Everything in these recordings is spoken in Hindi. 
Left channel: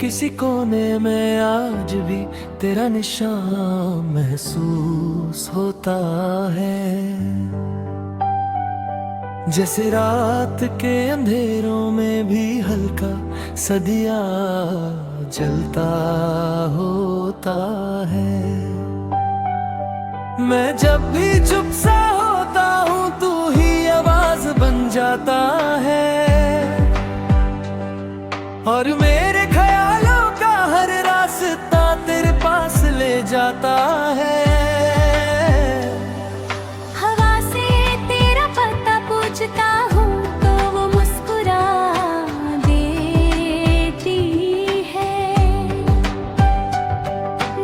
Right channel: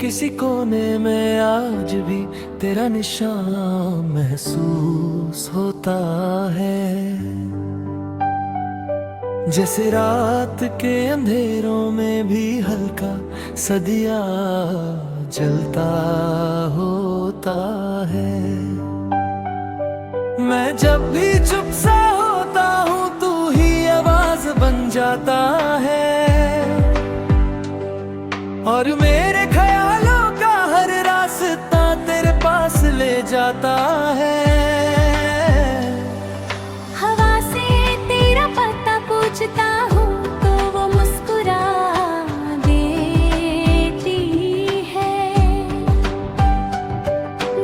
किसी कोने में आज भी तेरा निशान महसूस होता है। जैसे रात के अंधेरों में भी हल्का सा दिया जलता होता है। मैं जब भी चुप सा होता हूँ तू ही आवाज बन जाता है, और मेरे ख्यालों का हर रास्ता तेरे पास ले जाता है। हवा से तेरा पता पूछता हूँ तो वो मुस्कुरा देती है।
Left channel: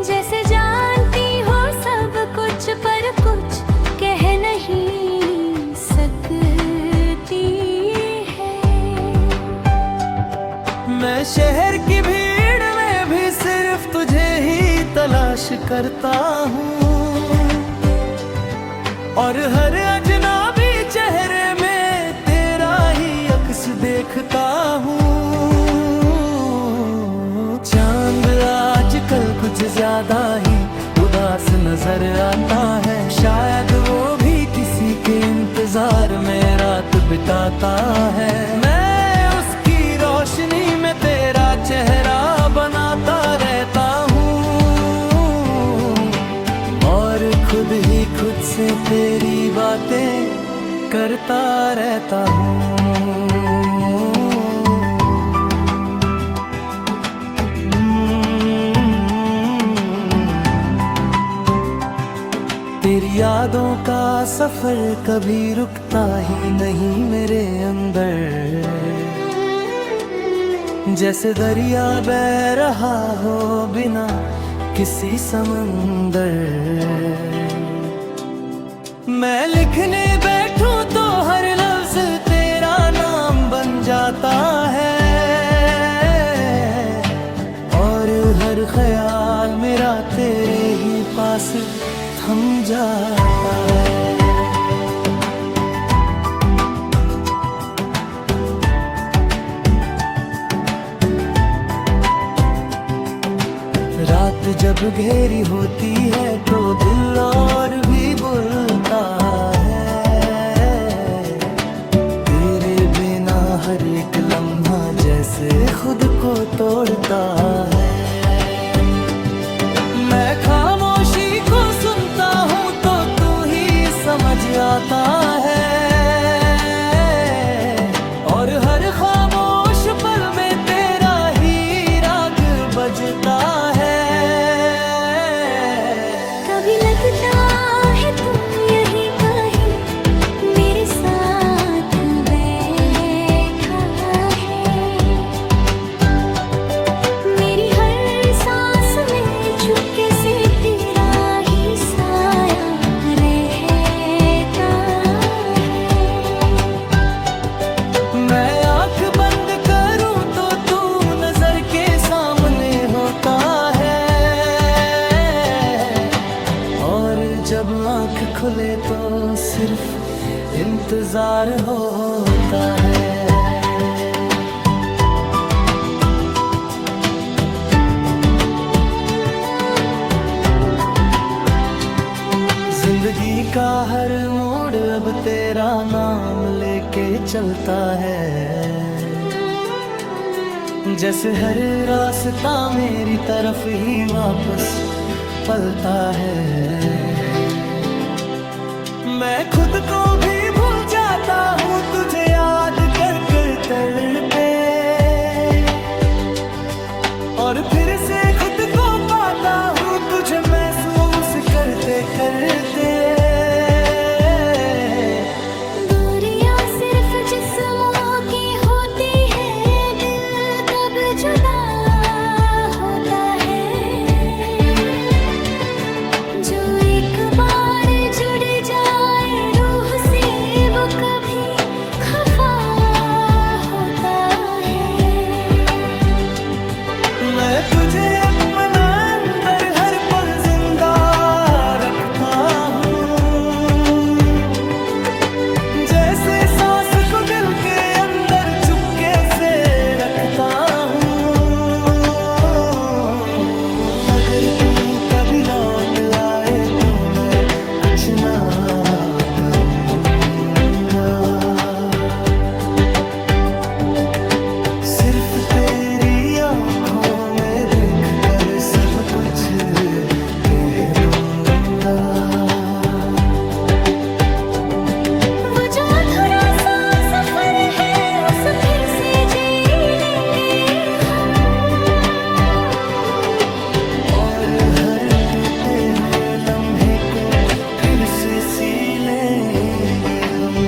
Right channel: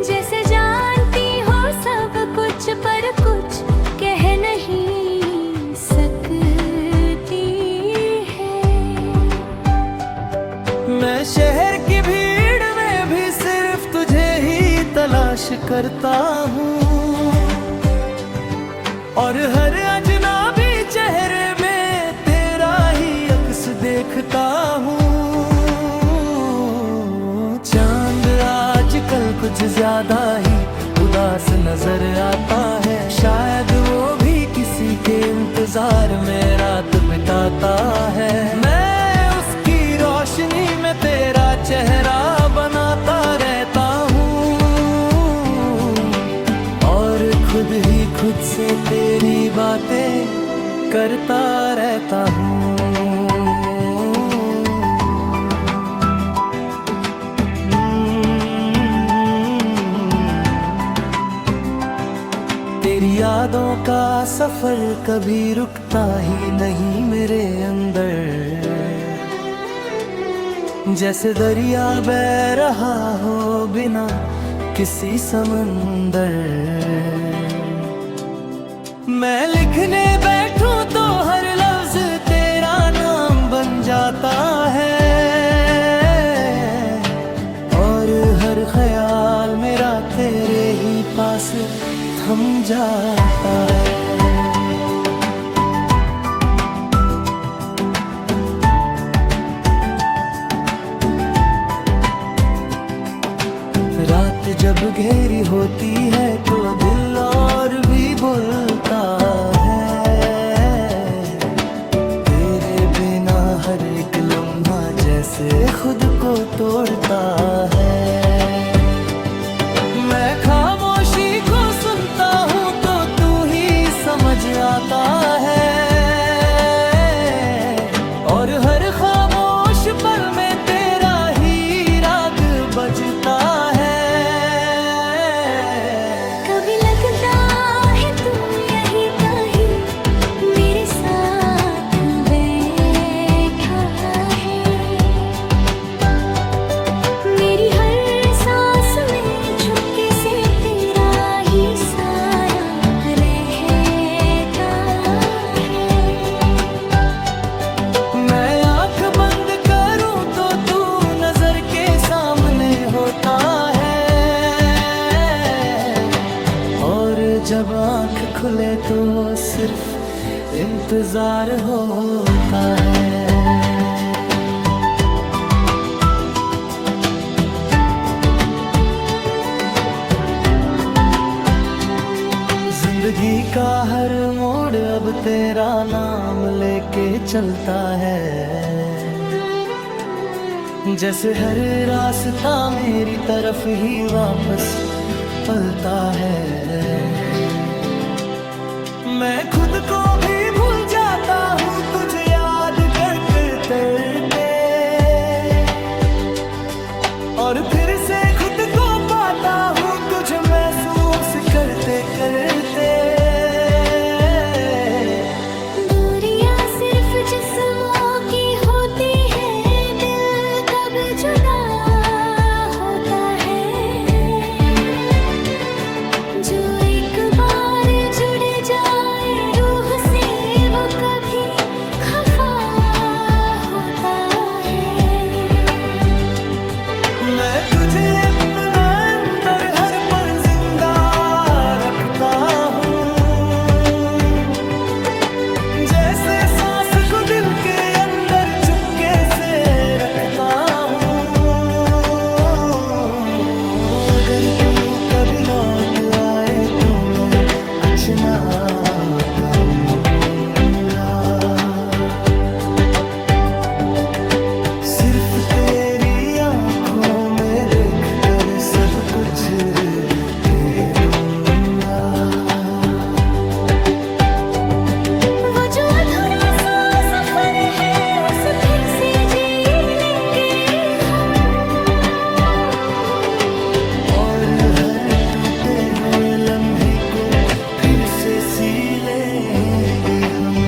जैसे जानती हो सब कुछ पर कुछ कह नहीं सकती है। मैं शहर की भीड़ में भी सिर्फ तुझे ही तलाश करता हूँ, और हर अजनबी चेहरे में तेरा ही अक्स देखता हूँ। चांद आजकल कुछ ज्यादा ही उदास नजर आता है, शायद वो भी किसी के इंतजार में रात बिताता है। मैं उसकी रोशनी में तेरा चेहरा बनाता रहता हूँ, और खुद ही खुद से तेरी बातें करता रहता हूँ। तेरी यादों का सफर कभी रुकता ही नहीं मेरे अंदर। जैसे दरिया बह रहा हो बिना किसी समंदर। मैं लिखने बैठूं तो हर लफ्ज तेरा नाम बन जाता है, और हर ख्याल मेरा तेरे ही पास थम जाता है। रात जब गहरी होती है तो दिल और भी बोलता है। तेरे बिना हर एक लम्हा जैसे खुद को तोड़ता है। मैं खामोशी को सुनता हूँ तो तू ही समझ आता है, और हर खामोश पल में तेरा ही राग बजता है। कभी लगता है तू यहीं कहीं मेरे साथ बैठा है। मेरी हर सांस में चुपके से तेरा ही साया रहता है। मैं आंख बंद करूं तो तू नजर के सामने होता है, और जब आंख खुले तो सिर्फ इंतजार होता है। जिंदगी का हर मोड़ अब तेरा नाम लेके चलता है। जैसे हर रास्ता मेरी तरफ ही वापस पलता है। मैं खुद को भी भूल जाता हूँ तुझे याद कर कर तरते, और फिर से खुद को पाता हूँ तुझे महसूस करते करते। दूरियां सिर्फ जिस्मों की होती है, दिल कब जुदा होता है। जो एक बार जुड़ जाए रूह से वो कभी खफा होता है। मैं तुझे अपना अंदर हर पल जिंदा रखता हूँ, जैसे सांस को दिल के अंदर कभी लौट आए तो मैं कुछ ना कहूँगा, सिर्फ तेरी आंखों में देखकर सब कुछ कह दूंगा। वो जो अधूरा सा सफर है उस फिर से जी लेंगे हम, और हर टूटे हुए लम्हे को फिर से सी लेंगे हम।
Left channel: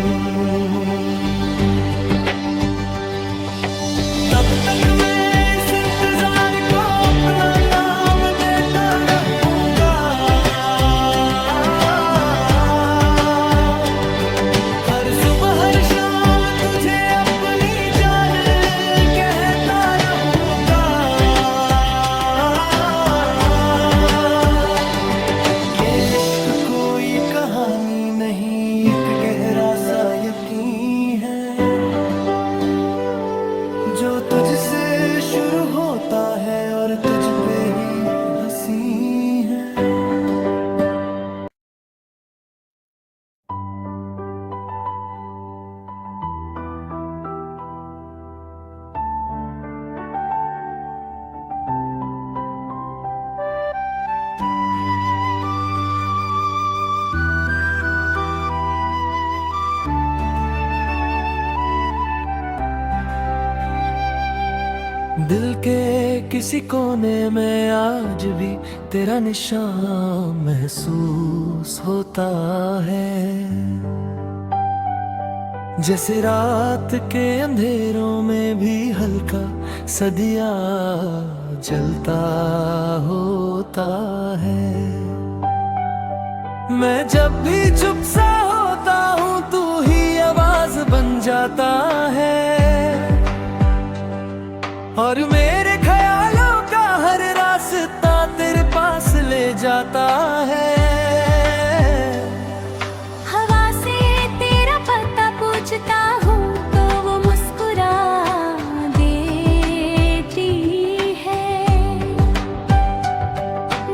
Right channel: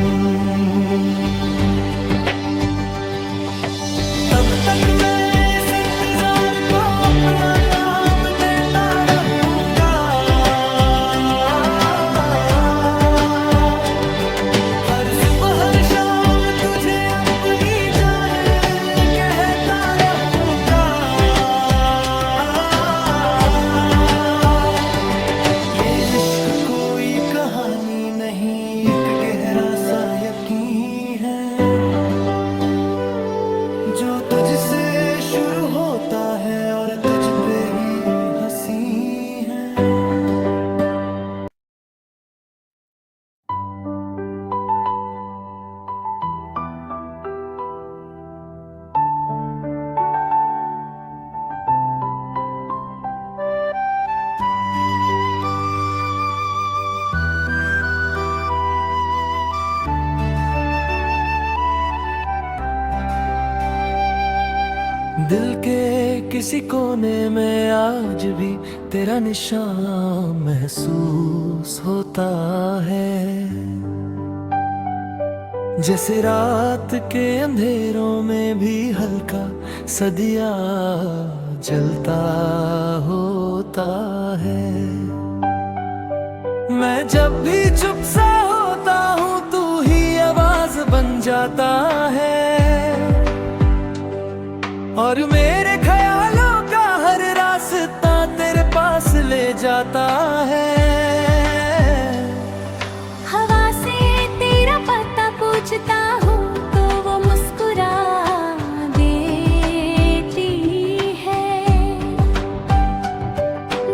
तब तक मैं इस इंतजार को अपना नाम देता रहूंगा, हर सुबह हर शाम तुझे अपनी जान कहता रहूंगा। ये इश्क कोई कहानी नहीं, एक गहरा सा यकीन है जो तुझसे शुरू होता है और तुझ पे ही हंसी है। दिल के किसी कोने में आज भी तेरा निशान महसूस होता है, जैसे रात के अंधेरों में भी हल्का सा दिया जलता होता है। मैं जब भी चुप सा होता हूँ तू ही आवाज बन जाता है, और मेरे ख्यालों का हर रास्ता तेरे पास ले जाता है। हवा से तेरा पता पूछता हूँ तो वो मुस्कुरा देती है,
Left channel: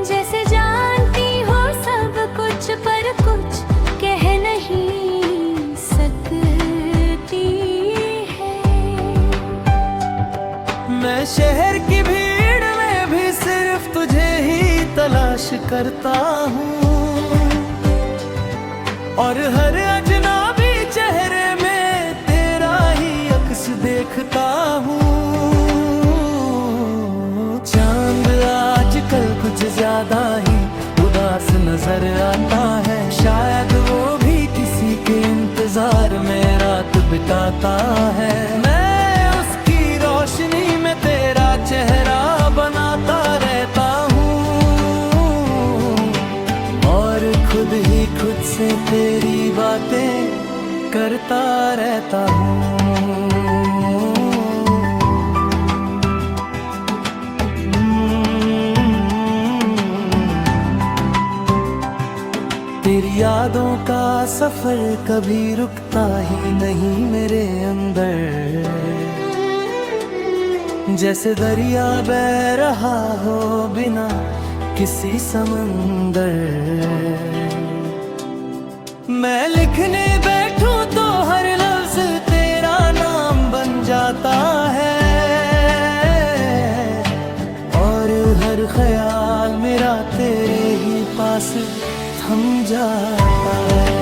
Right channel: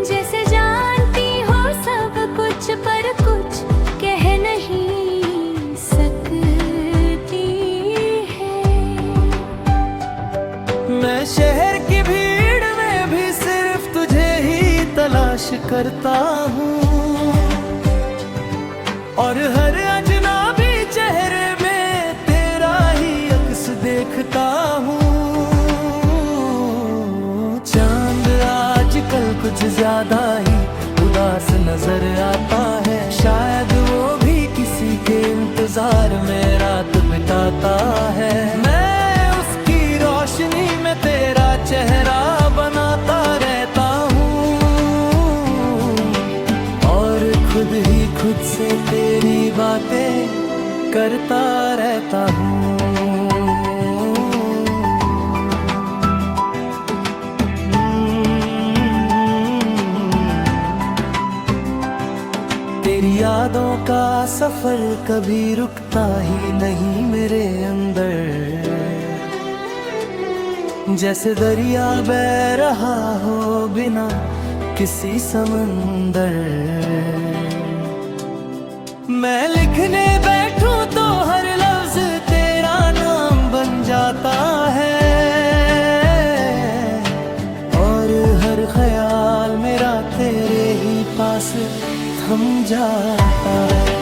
जैसे जानती हो सब कुछ पर कुछ कह नहीं सकती है। मैं शहर की भीड़ में भी सिर्फ तुझे ही तलाश करता हूँ, और हर अजनबी चेहरे में तेरा ही अक्स देखता हूँ। चांद आजकल कुछ ज्यादा ही उदास नजर आता है, शायद वो भी किसी के इंतजार में रात बिताता है। मैं रोशनी में तेरा चेहरा बनाता रहता हूँ, और खुद ही खुद से तेरी बातें करता रहता हूँ। तेरी यादों का सफर कभी रुकता ही नहीं मेरे अंदर, जैसे दरिया बह रहा हो बिना किसी समंदर। मैं लिखने बैठूं तो हर लफ्ज तेरा नाम बन जाता है, और हर ख्याल मेरा तेरे ही पास थम जाता है।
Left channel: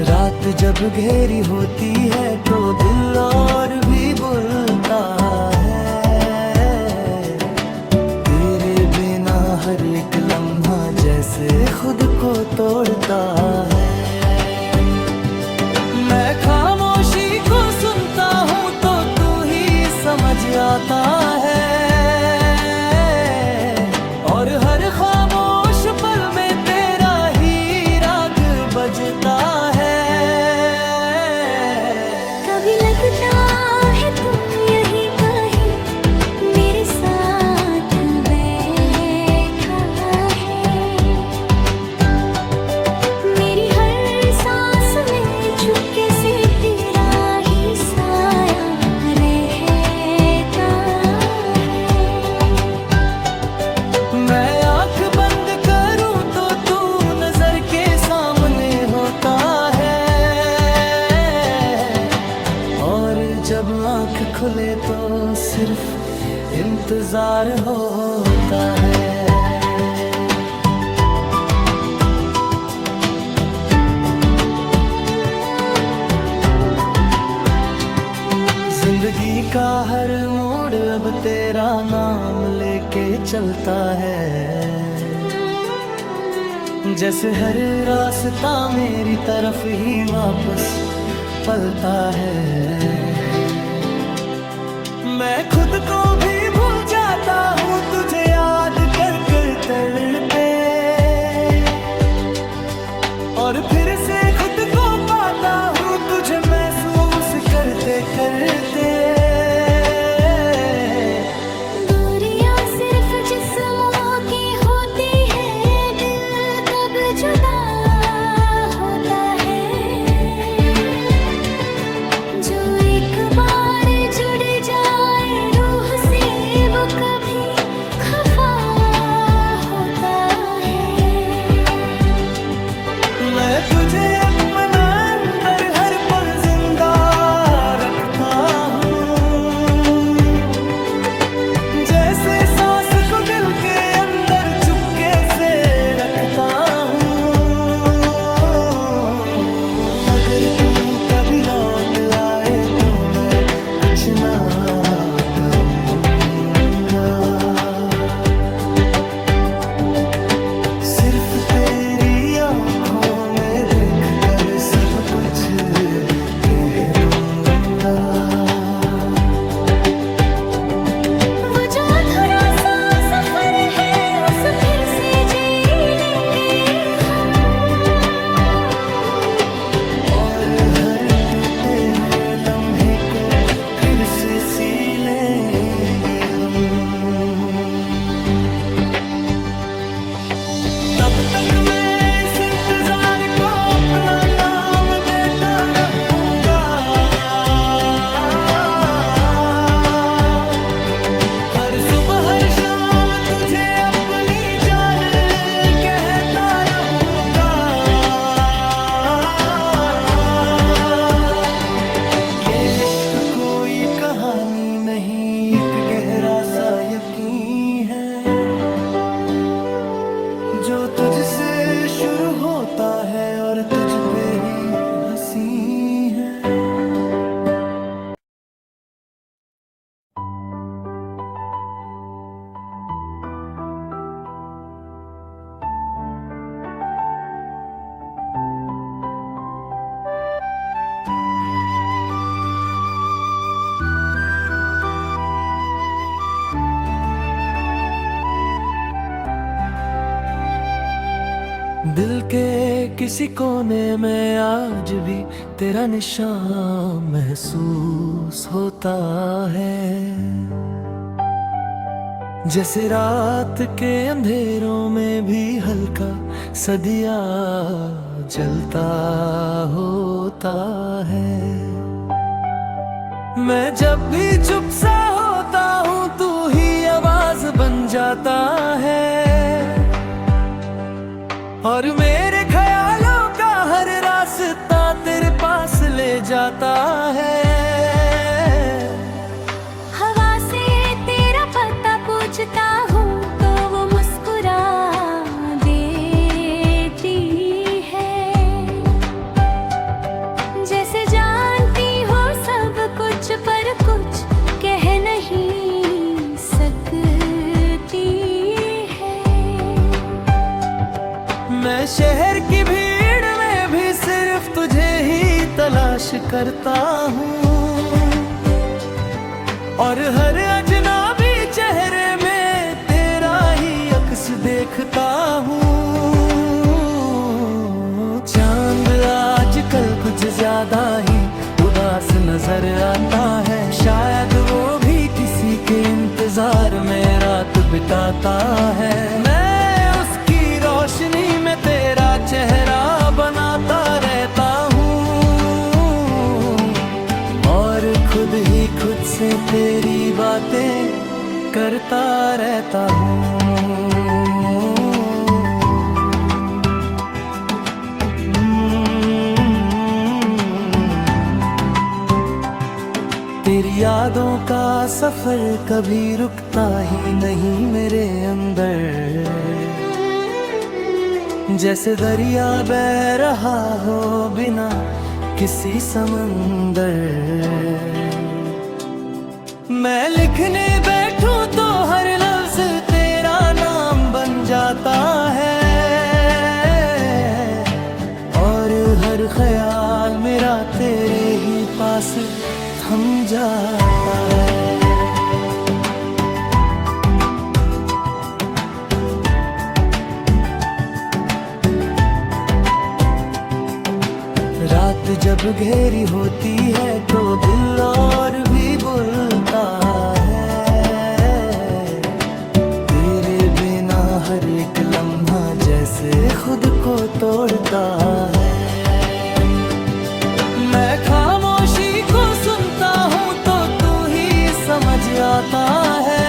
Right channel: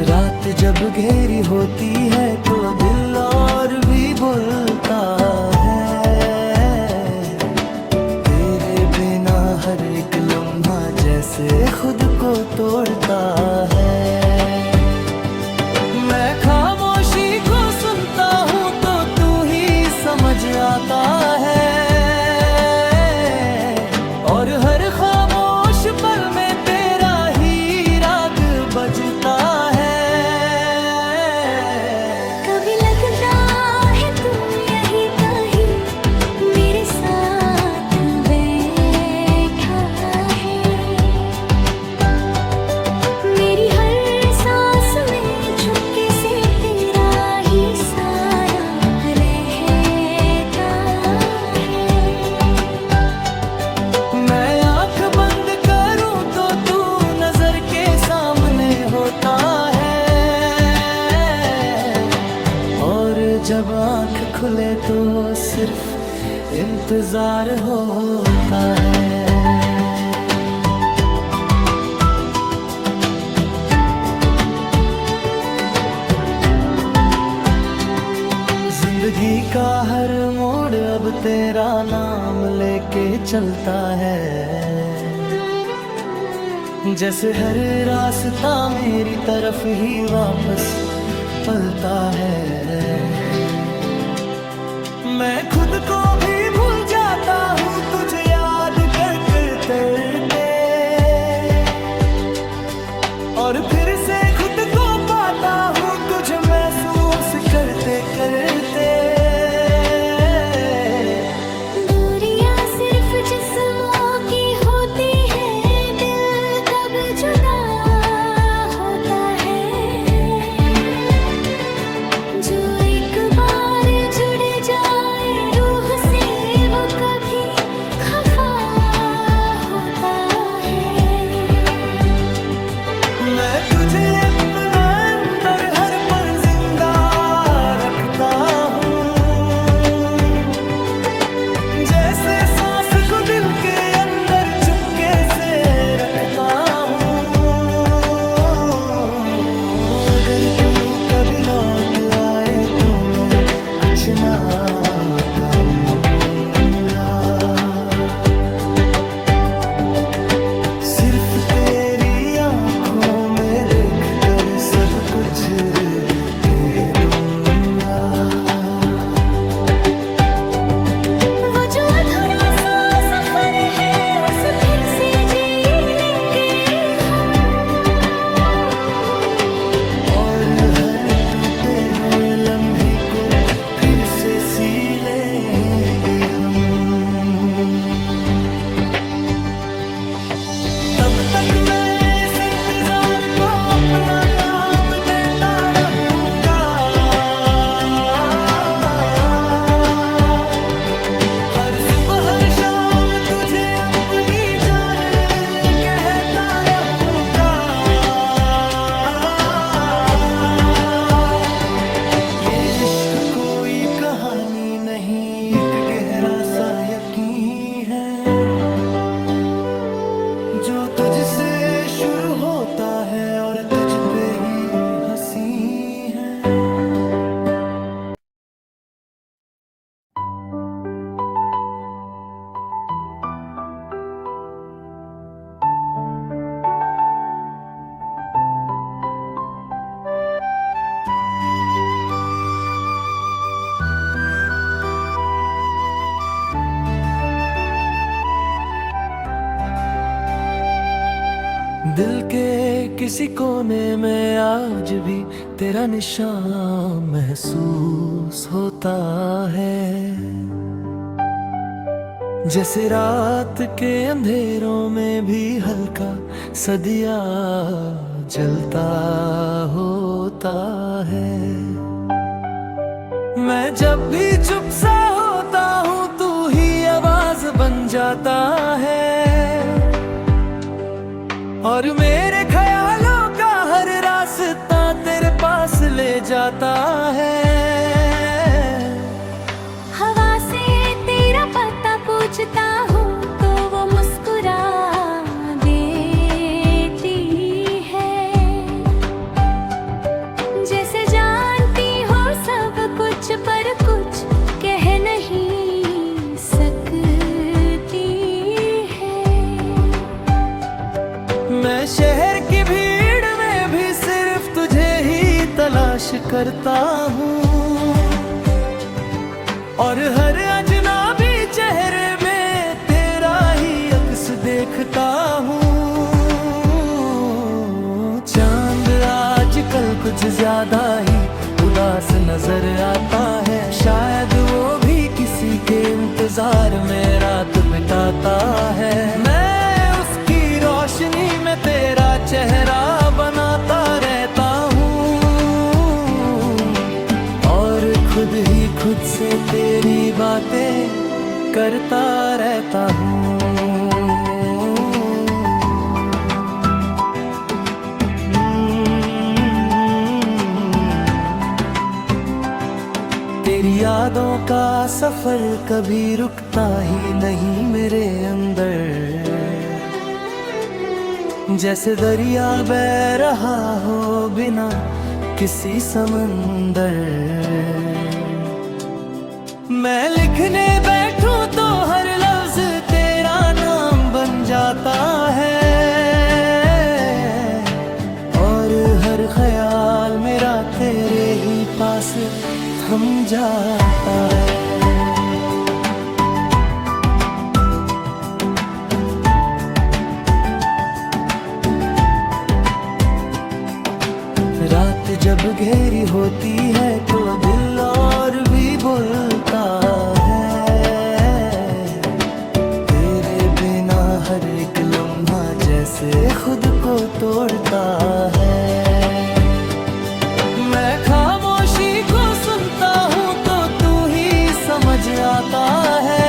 रात जब गहरी होती है तो दिल और भी बोलता है, तेरे बिना हर एक लम्हा जैसे खुद को तोड़ता है। मैं खामोशी को सुनता हूँ तो तू ही समझ आता है, और हर खामोश पल में तेरा ही राग बजता है। कभी लगता है तू यही कहीं मेरे साथ बैठा है, मेरी हर सांस में चुपके से जब आंख खुले तो सिर्फ इंतजार होता है। जिंदगी का हर मोड़ अब तेरा नाम लेके चलता है। जैसे हर रास्ता मेरी तरफ ही वापस पलता है। मैं खुद को भी भूल जाता हूँ तुझे याद कर कर तड़ते, और फिर से खुद को पाता हूँ तुझे महसूस करते करते। दूरियां सिर्फ जिस्मों की होती है, दिल कब जुदा होता है। जो एक बार जुड़ जाए रूह से वो कभी खफा होता है। मैं तुझे अपना अंदर हर पल जिंदा रखता हूँ, जैसे सांस को दिल के अंदर चुपके से रखता हूँ। अगर तू कभी लौट आए तो मैं कुछ ना कहूँगा, सिर्फ तेरी आँखों में देखकर सब कुछ कह दूंगा। वो जो अधूरा सा सफर है उस फिर से जी लेंगे हम, और हर टूटे हुए लम्हे को फिर से सी लेंगे हम। तब तक मैं इस इंतजार को अपना नाम देता रहूंगा। हर सुबह हर शाम तुझे अपनी जान कहता रहूंगा। ये इश्क कोई कहानी नहीं, एक गहरा सा यकीन है जो तुझसे शुरू होता है और तुझ पे ही हंसी है। दिल के किसी कोने में आज भी तेरा निशान महसूस होता है। जैसे रात के अंधेरों में भी हल्का सा दिया जलता होता है। मैं जब भी चुप सा होता हूँ तू ही आवाज बन जाता है, और मेरे ख्यालों का हर रास्ता तेरे पास ले जाता है। हवा से तेरा पता पूछता हूँ तो वो मुस्कुरा देती है। जैसे जानती हो सब कुछ पर कुछ कह नहीं सकती है। मैं शहर की भीड़ में भी सिर्फ तुझे ही तलाश करता हूँ, और हर अजनबी चेहरे में तेरा ही अक्स देखता हूँ। चांद आजकल कुछ ज्यादा ही उदास नजर आता है, शायद वो भी किसी के इंतजार में रात बिताता है। मैं उसकी रोशनी में तेरा चेहरा बनाता रहता हूँ, और खुद ही खुद से तेरी बातें करता रहता हूँ। यादों का सफर कभी रुकता ही नहीं मेरे अंदर, जैसे दरिया बह रहा हो बिना किसी समंदर। मैं लिखने बैठूं तो हर लफ्ज तेरा नाम बन जाता है, और हर ख्याल मेरा तेरे ही पास थम जाता है। रात जब घेरी होती है तो दिल और भी बोलता है, तेरे बिना हर एक लम्हा जैसे खुद को तोड़ता है। मैं खामोशी को सुनता हूँ तो तू ही समझ आता है,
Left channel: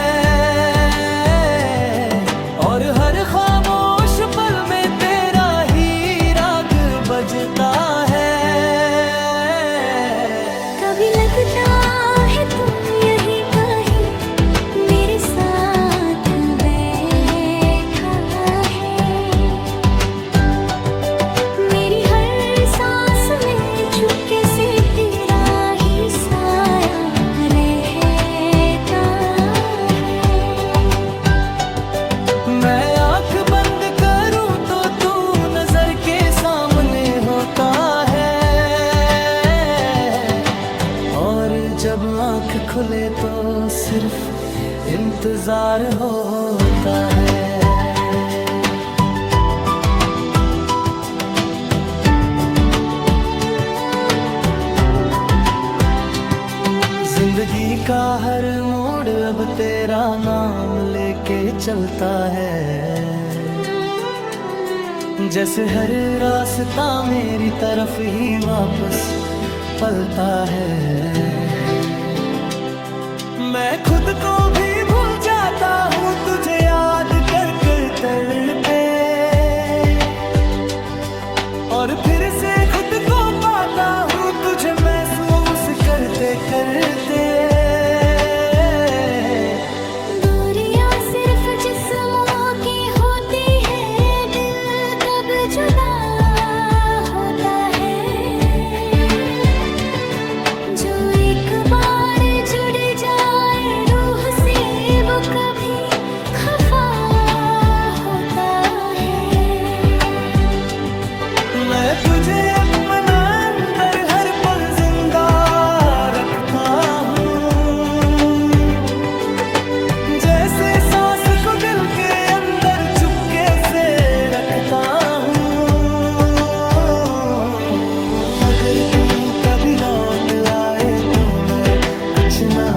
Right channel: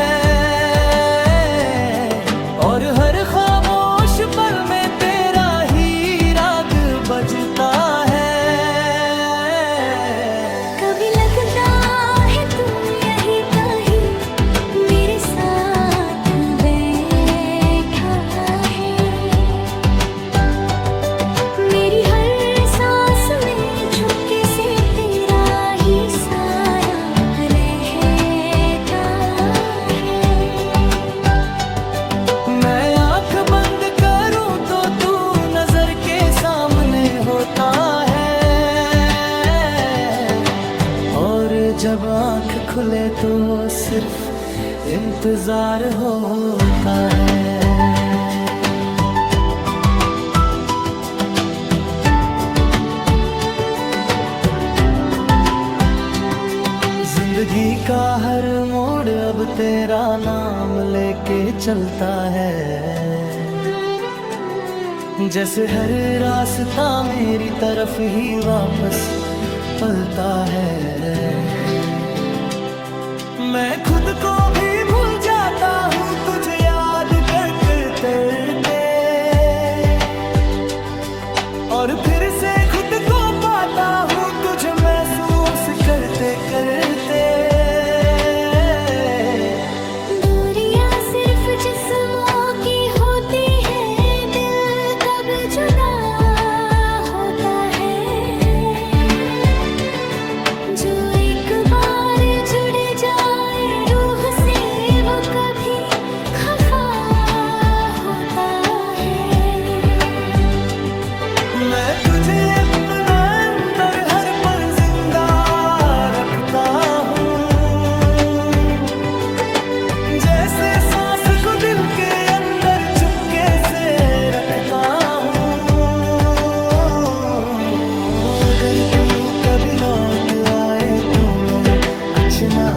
और हर खामोश पल में तेरा ही राग बजता है। कभी लगता है तू यही कहीं मेरे साथ बैठा है, मेरी हर सांस में चुपके से तेरा ही साया रहता है। मैं आंख बंद करूं तो तू नजर के सामने होता है, और जब आंख खुले तो सिर्फ इंतजार होता है। जिंदगी का हर मोड़ अब तेरा नाम लेके चलता है, जैसे हर रास्ता मेरी तरफ ही वापस पलता है। मैं खुद को भी भूल जाता हूँ तुझे याद कर कर तरते, और फिर से खुद को पाता हूँ तुझे महसूस करते करते। दूरियां सिर्फ जिस्मों की होती है, दिल कब जुदा होता है। जो एक बार जुड़ जाए रूह से वो कभी खफा होता है। मैं तुझे अपना अंदर हर पल जिंदा रखता हूँ, जैसे सांस को दिल के अंदर चुपके से रखता हूँ। अगर तू कभी लौट आए तो मैं कुछ ना